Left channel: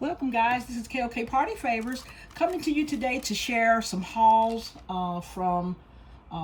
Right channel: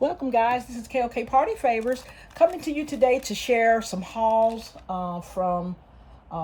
Welcome guys, this is KLK Party Favors coming to you today to share some hauls from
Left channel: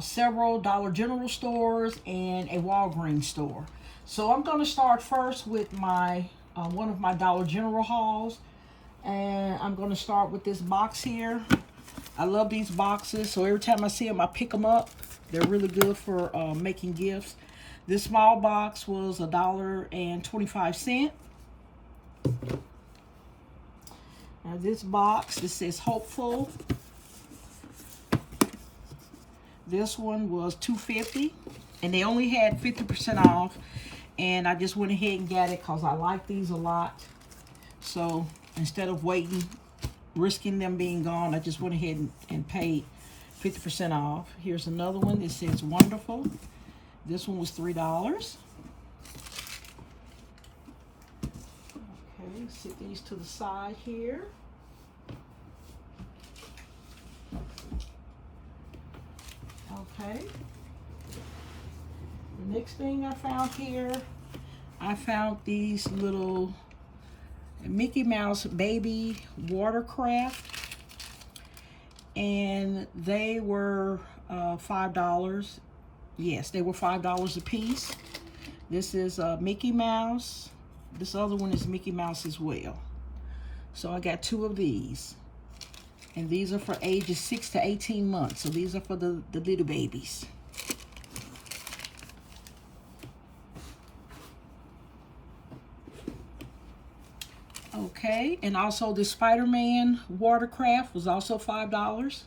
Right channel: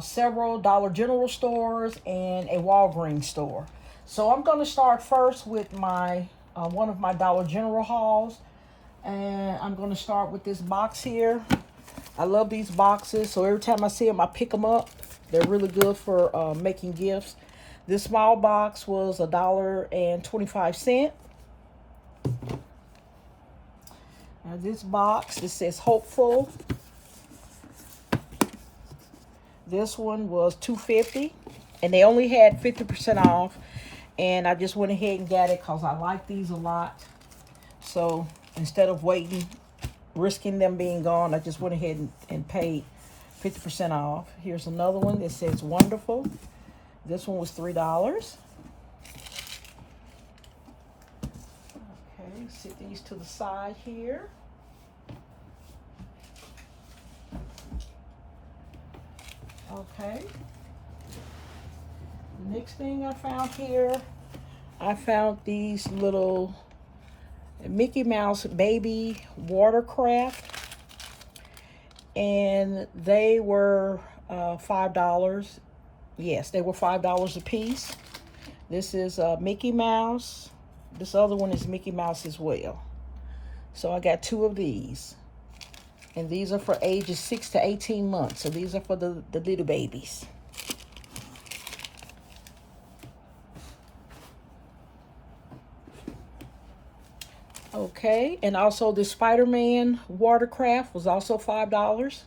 several Dollar General stores and a Walgreens store. So I'm going to start first with my one of my Dollar General hauls, and I'm going to start with this box here. I love these boxes, so every time I see them I pick them up. They're really good for making gifts. This small box was $1.25. Now this box, it says hopeful. This one was $2.50, and they only had 50% off, and I just went ahead and got it because I like these a lot. So instead of risking them being gone, I just went ahead and paid 50% off. Here's another one that says wonderful. This one was $3. Okay, sit these to the side here. Okay. The next thing I found here, I found these little Mickey Mouse baby watercraft, and they were $5. Yes, they were $5 a piece. This is Mickey Mouse. This other one is Mickey Mouse as well. So I got two of these. And these are for ages 6 to 18 months. So these are for the little babies. Okay, and also the Spider-Man watercraft was also $5.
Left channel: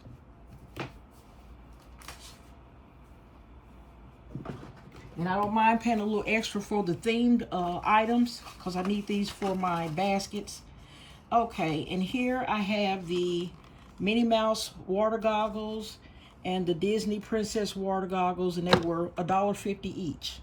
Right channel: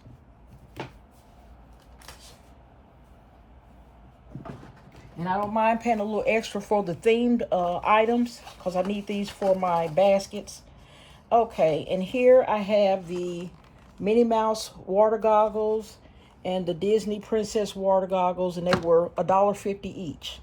And I don't mind paying a little extra for the themed items because I need these for my baskets. Okay, and here I have the Minnie Mouse water goggles and the Disney Princess water goggles, and they were $1.50 each.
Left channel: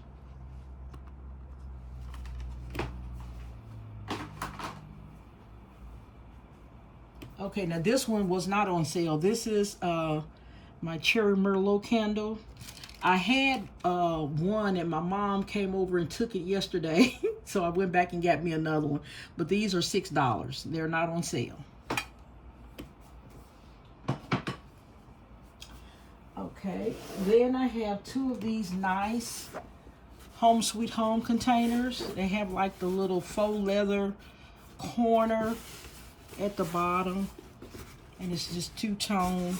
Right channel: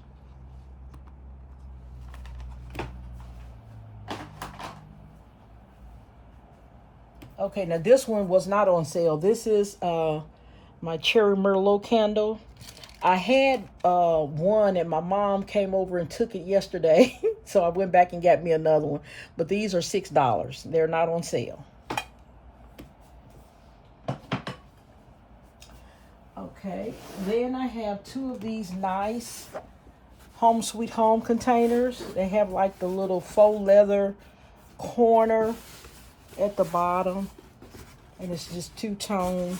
Okay, now this one was not on sale. This is my Cherry Merlot candle. I had one, and my mom came over and took it yesterday. So I went back and got me another one. But these are $6. They're not on sale. Okay, then I have two of these nice Home Sweet Home containers. They have like the little faux leather corner at the bottom, and it's just two-tone.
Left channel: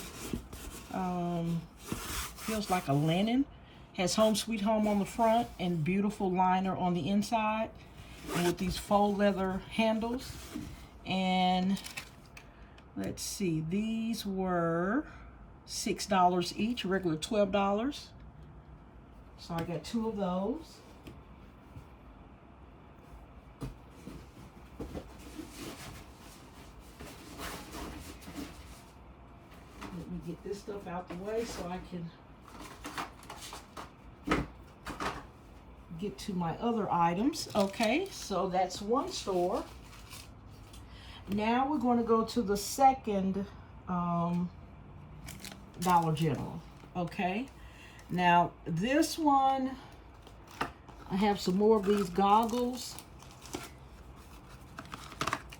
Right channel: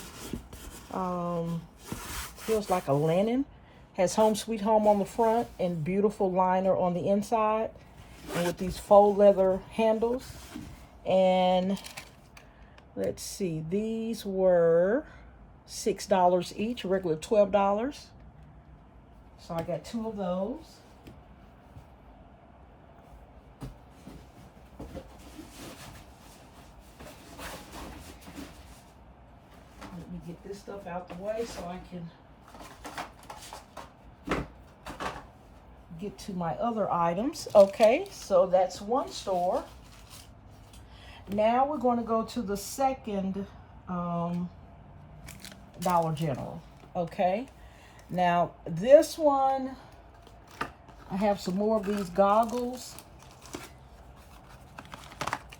Feels like a linen. Has Home Sweet Home on the front and beautiful liner on the inside, and with these faux leather handles. And let's see, these were $6 each, regular $12. So I got two of those. Let me get this stuff out the way so I can get to my other items. Okay, so that's one store. Now we're going to go to the second Dollar General. Okay, now this one, I have some more of these goggles.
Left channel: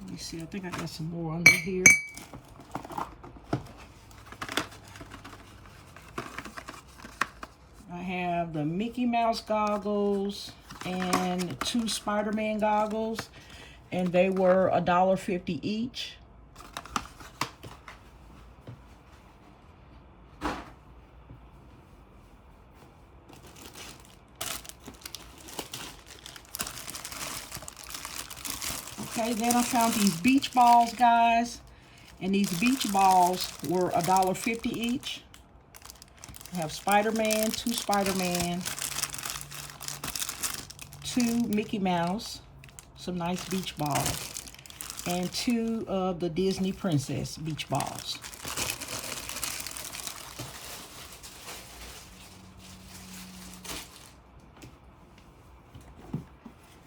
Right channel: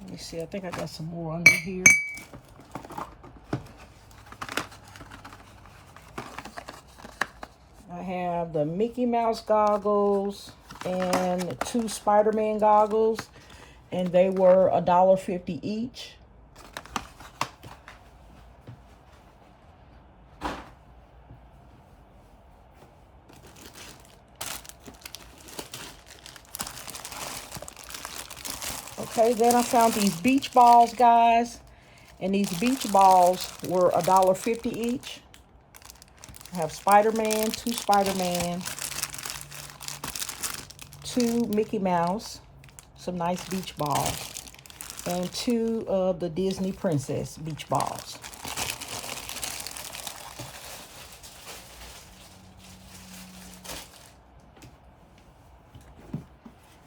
Let me see, I think I got some more under here. I have the Mickey Mouse goggles and two Spider-Man goggles, and they were $1.50 each. Okay, then I found these beach balls, guys, and these beach balls were $1.50 each. I have Spider-Man, two Mickey Mouse, some nice beach balls, and two of the Disney Princess beach balls.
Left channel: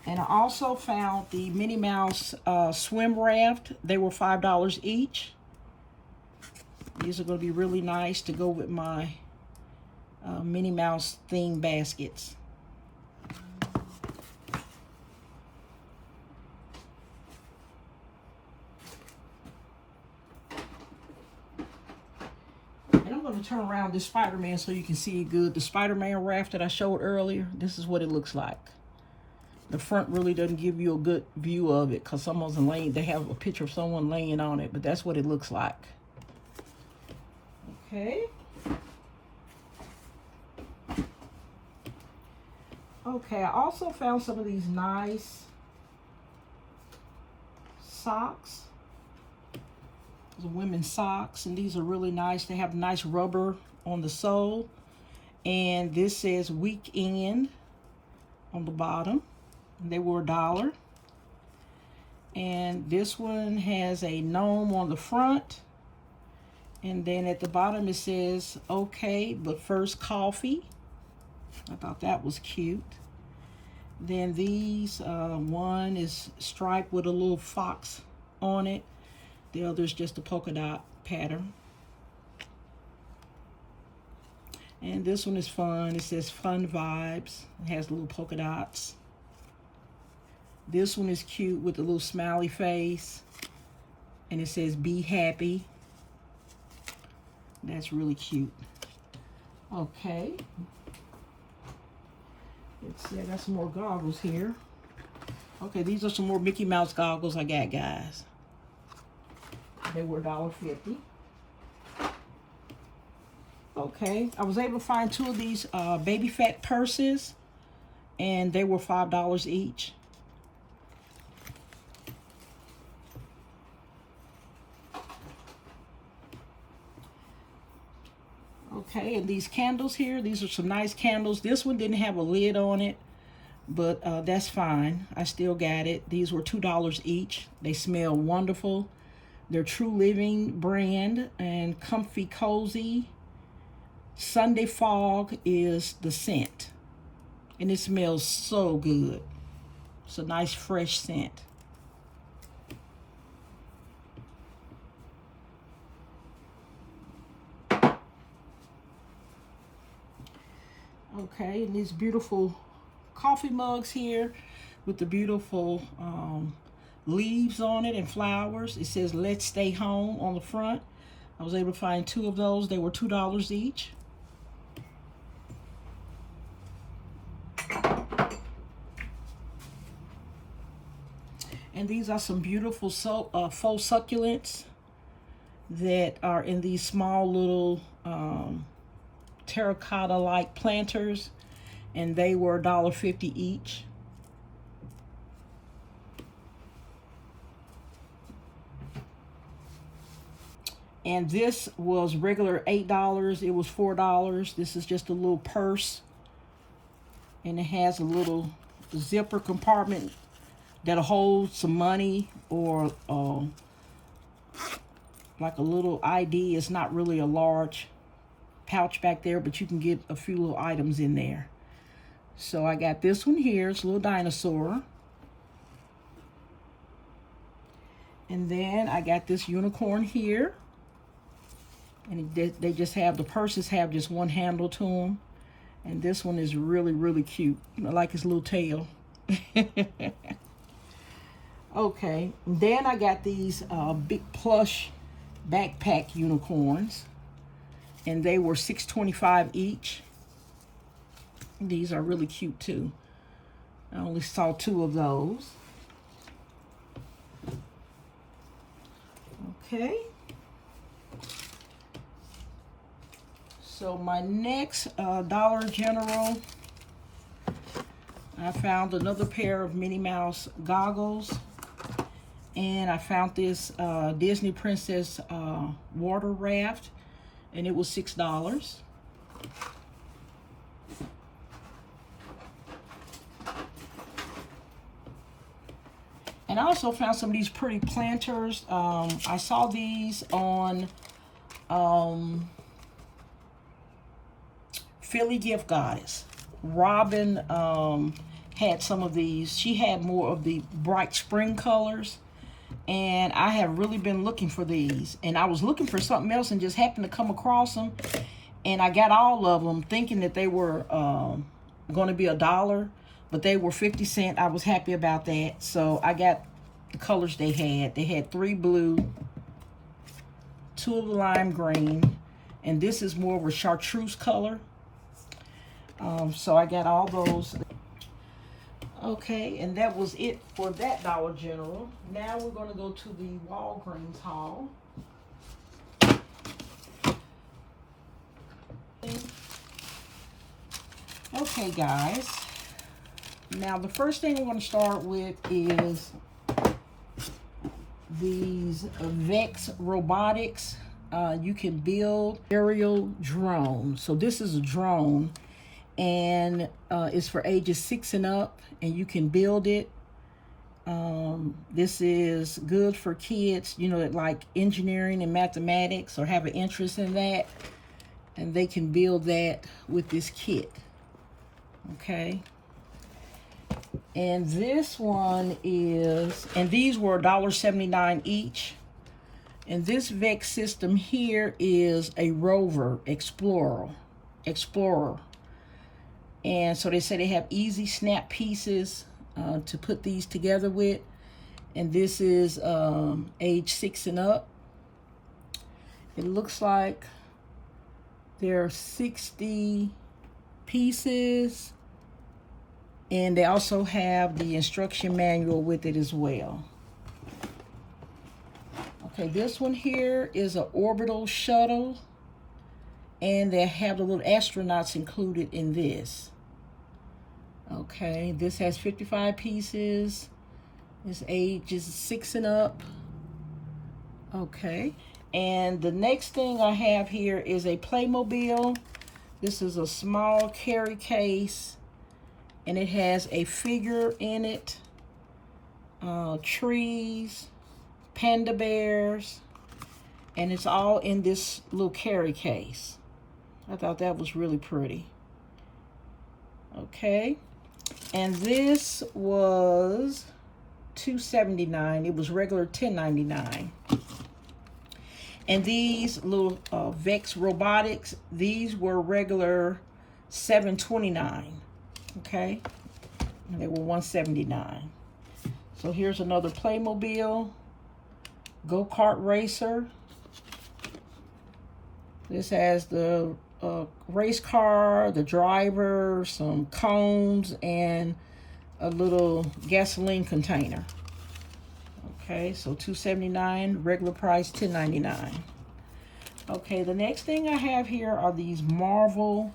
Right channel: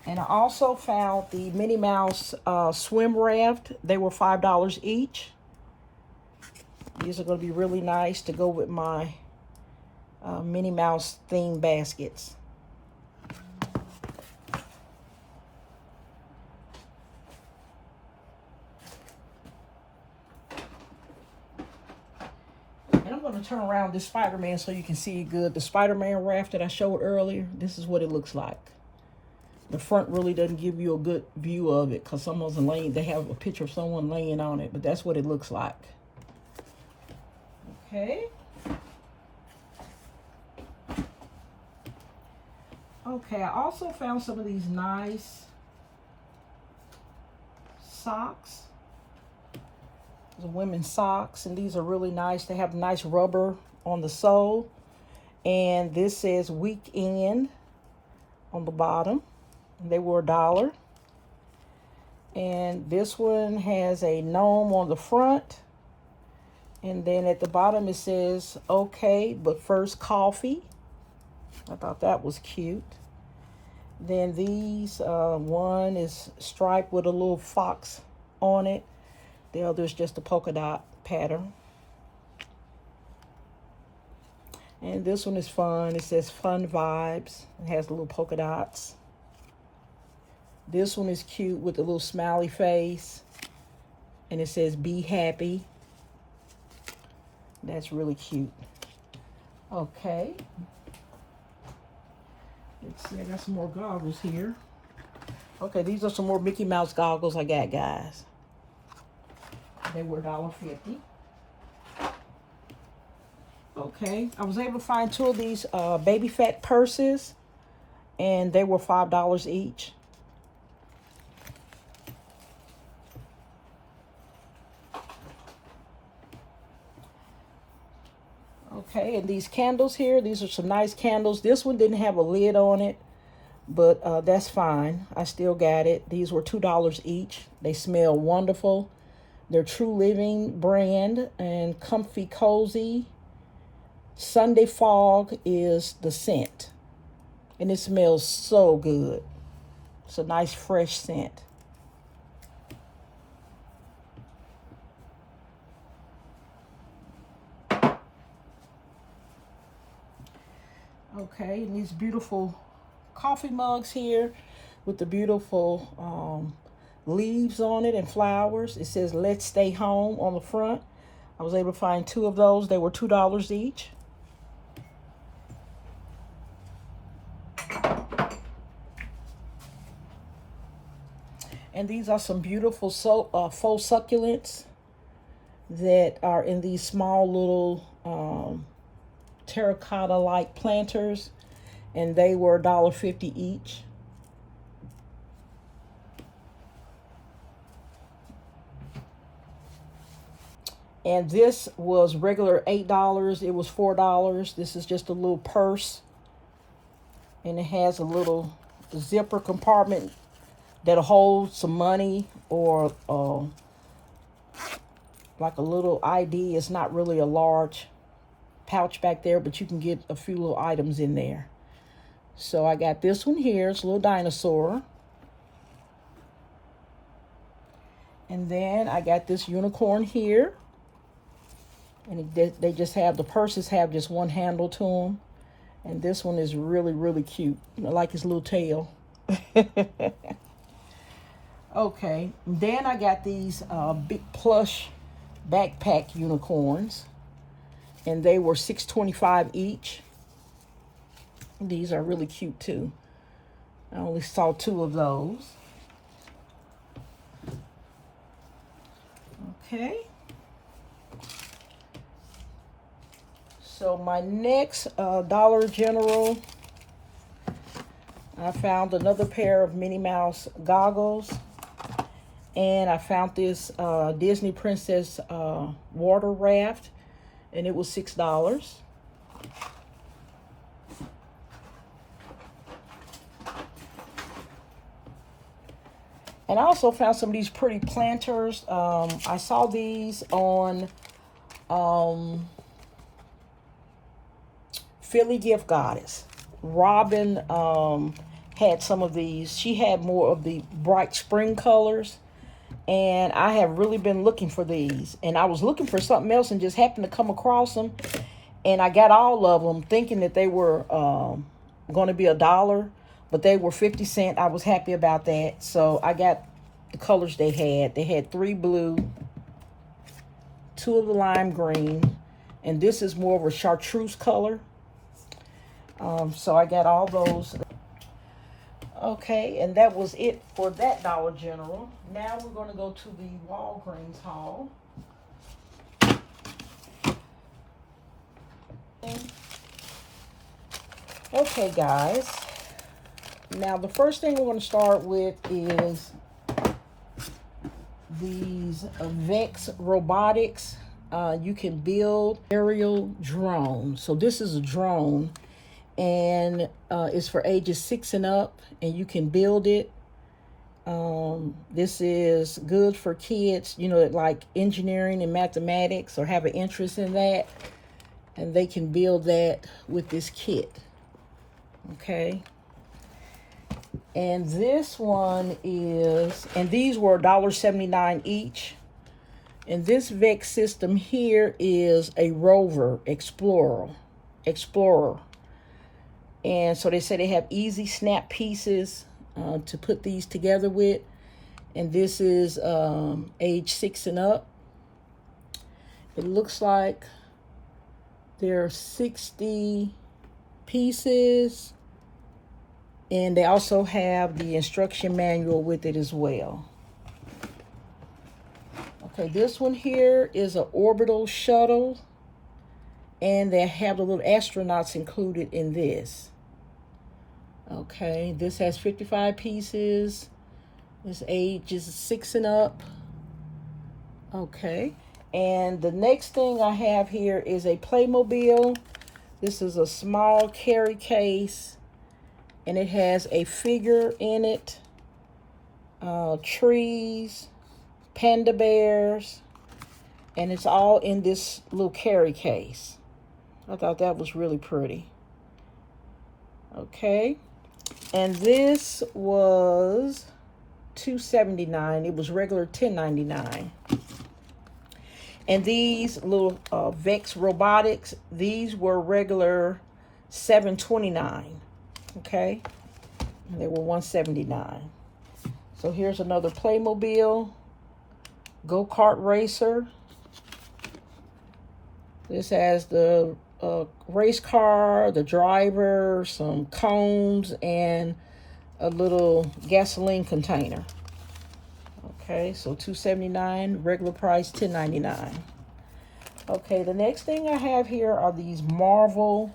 And I also found the Minnie Mouse swim raft. They were $5 each. These are going to be really nice to go with my Minnie Mouse themed baskets. to turn around this Spider-Man so you can see it good. The Spider-Man raft that I showed earlier, this is what it looks like. The front really doesn't give you a good view of it because someone's laying, they have a picture of someone laying on it, but that's what it looks like. Okay. Okay, I also found some of these nice socks. These are women's socks, and these are really nice. They have nice rubber on the sole, and this says weekend on the bottom. They were $1. And this one has a gnome on the front, and then at the bottom it says okay, but first coffee. I thought that was cute. Then these, one is striped with a little fox on it. The other is just a polka dot pattern. And this one is fun. It says fun vibes. It has little polka dots. This one is cute with a little smiley face. And it says be happy. That's really cute. Okay. Let's see, I got some more goggles here. Okay, these are some more Mickey Mouse goggles I got, guys. They were $1.50. Okay, I was able to find 2 of these baby fat purses, and they were $5 each. Okay, and these candles here, these are some nice candles. This one didn't have a lid on it, but that's fine. I still got it. These were $2 each. They smell wonderful. They're True Living brand, and Comfy Cozy. Sunday Fog is the scent, and it smells so good. It's a nice fresh scent. Okay, and these beautiful coffee mugs here with the beautiful leaves on it and flowers. It says let's stay home on the front. I was able to find 2 of those. They were $2 each. And these are some beautiful faux succulents that are in these small little terracotta like planters, and they were $1.50 each. And this was regular $8. It was $4. This is just a little purse, and it has a little zipper compartment that'll hold some money or like a little ID. It's not really a large pouch back there, but you can get a few little items in there. So I got this one here. It's a little dinosaur. And then I got this unicorn here. And they just have, the purses have just one handle to them. And this one is really, really cute. I like his little tail. Okay, then I got these big plush backpack unicorns, and they were $6.25 each. These are really cute too. I only saw 2 of those. Okay. So my next Dollar General, I found another pair of Minnie Mouse goggles. And I found this Disney Princess water raft, and it was $6. And I also found some of these pretty planters. I saw these on Philly Gift Goddess. Robin had some of these. She had more of the bright spring colors. And I have really been looking for these. And I was looking for something else and just happened to come across them. And I got all of them thinking that they were going to be $1. But they were 50 cents. I was happy about that. So I got the colors they had. They had 3 blue, 2 of the lime green, And this is more of a chartreuse color. So I got all those. Okay, and that was it for that Dollar General. Now we're going to go to the Walgreens haul. Okay, guys. Now the first thing we're going to start with is these Vex Robotics. You can build aerial drones. So this is a drone, and it's for ages 6 and up, and you can build it. This is good for kids, you know, that like engineering and mathematics or have an interest in that, and they can build that with this kit. Okay. And this one is, and these were $1.79 each. And this Vex system here is a Rover Explorer. And so they say they have easy snap pieces to put these together with. And this is age 6 and up. It looks like there are 60 pieces. And they also have the instruction manual with it as well. Okay, this one here is an orbital shuttle. And they have the little astronauts included in this. Okay, this has 55 pieces. This age is 6 and up. Okay, and the next thing I have here is a Playmobil. This is a small carry case, and it has a figure in it, trees, panda bears, and it's all in this little carry case. I thought that was really pretty. Okay, and this was $2.79. It was regular $10.99. And these little Vex Robotics, these were regular $7.29. Okay, and they were $1.79. So here's another Playmobil go-kart racer. This has the race car, the driver, some cones, and a little gasoline container. Okay, so $2.79, regular price $10.99. Okay, the next thing I have here are these Marvel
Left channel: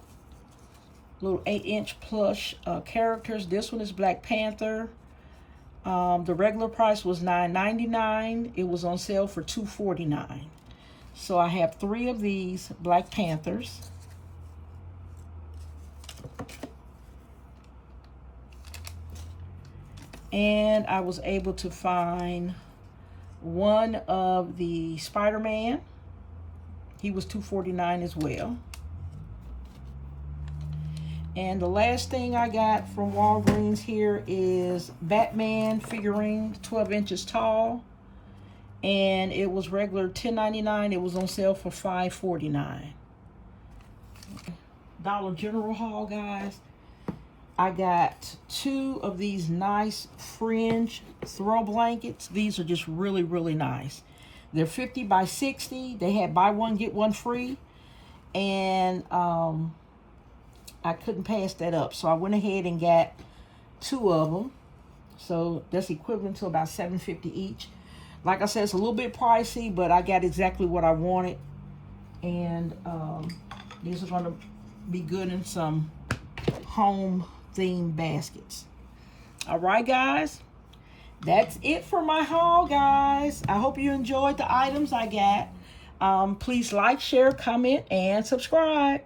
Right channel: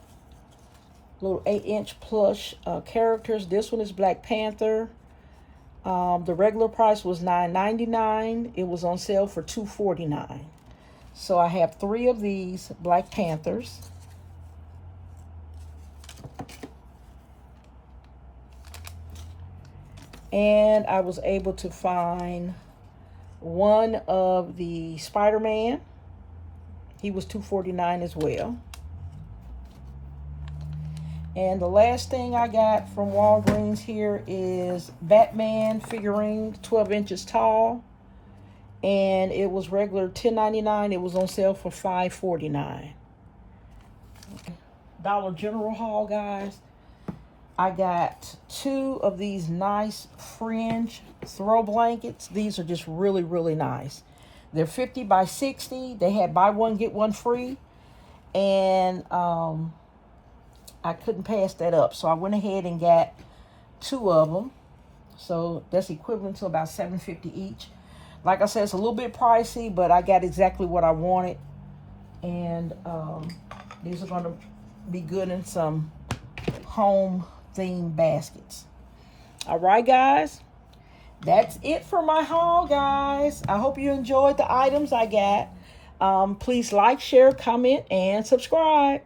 little 8-inch plush characters. This one is Black Panther. The regular price was $9.99. It was on sale for $2.49. So I have 3 of these Black Panthers. And I was able to find one of the Spider-Man. He was $2.49 as well. And the last thing I got from Walgreens here is Batman figurine, 12 inches tall. And it was regular $10.99. It was on sale for $5.49. Okay. Dollar General haul, guys. I got 2 of these nice fringe throw blankets. These are just really, really nice. They're 50 by 60. They had buy one, get one free. And I couldn't pass that up. So I went ahead and got 2 of them. So that's equivalent to about $7.50 each. Like I said, it's a little bit pricey, but I got exactly what I wanted. And these are going to be good in some home themed baskets. All right, guys, that's it for my haul, guys. I hope you enjoyed the items I got. Please like, share, comment, and subscribe.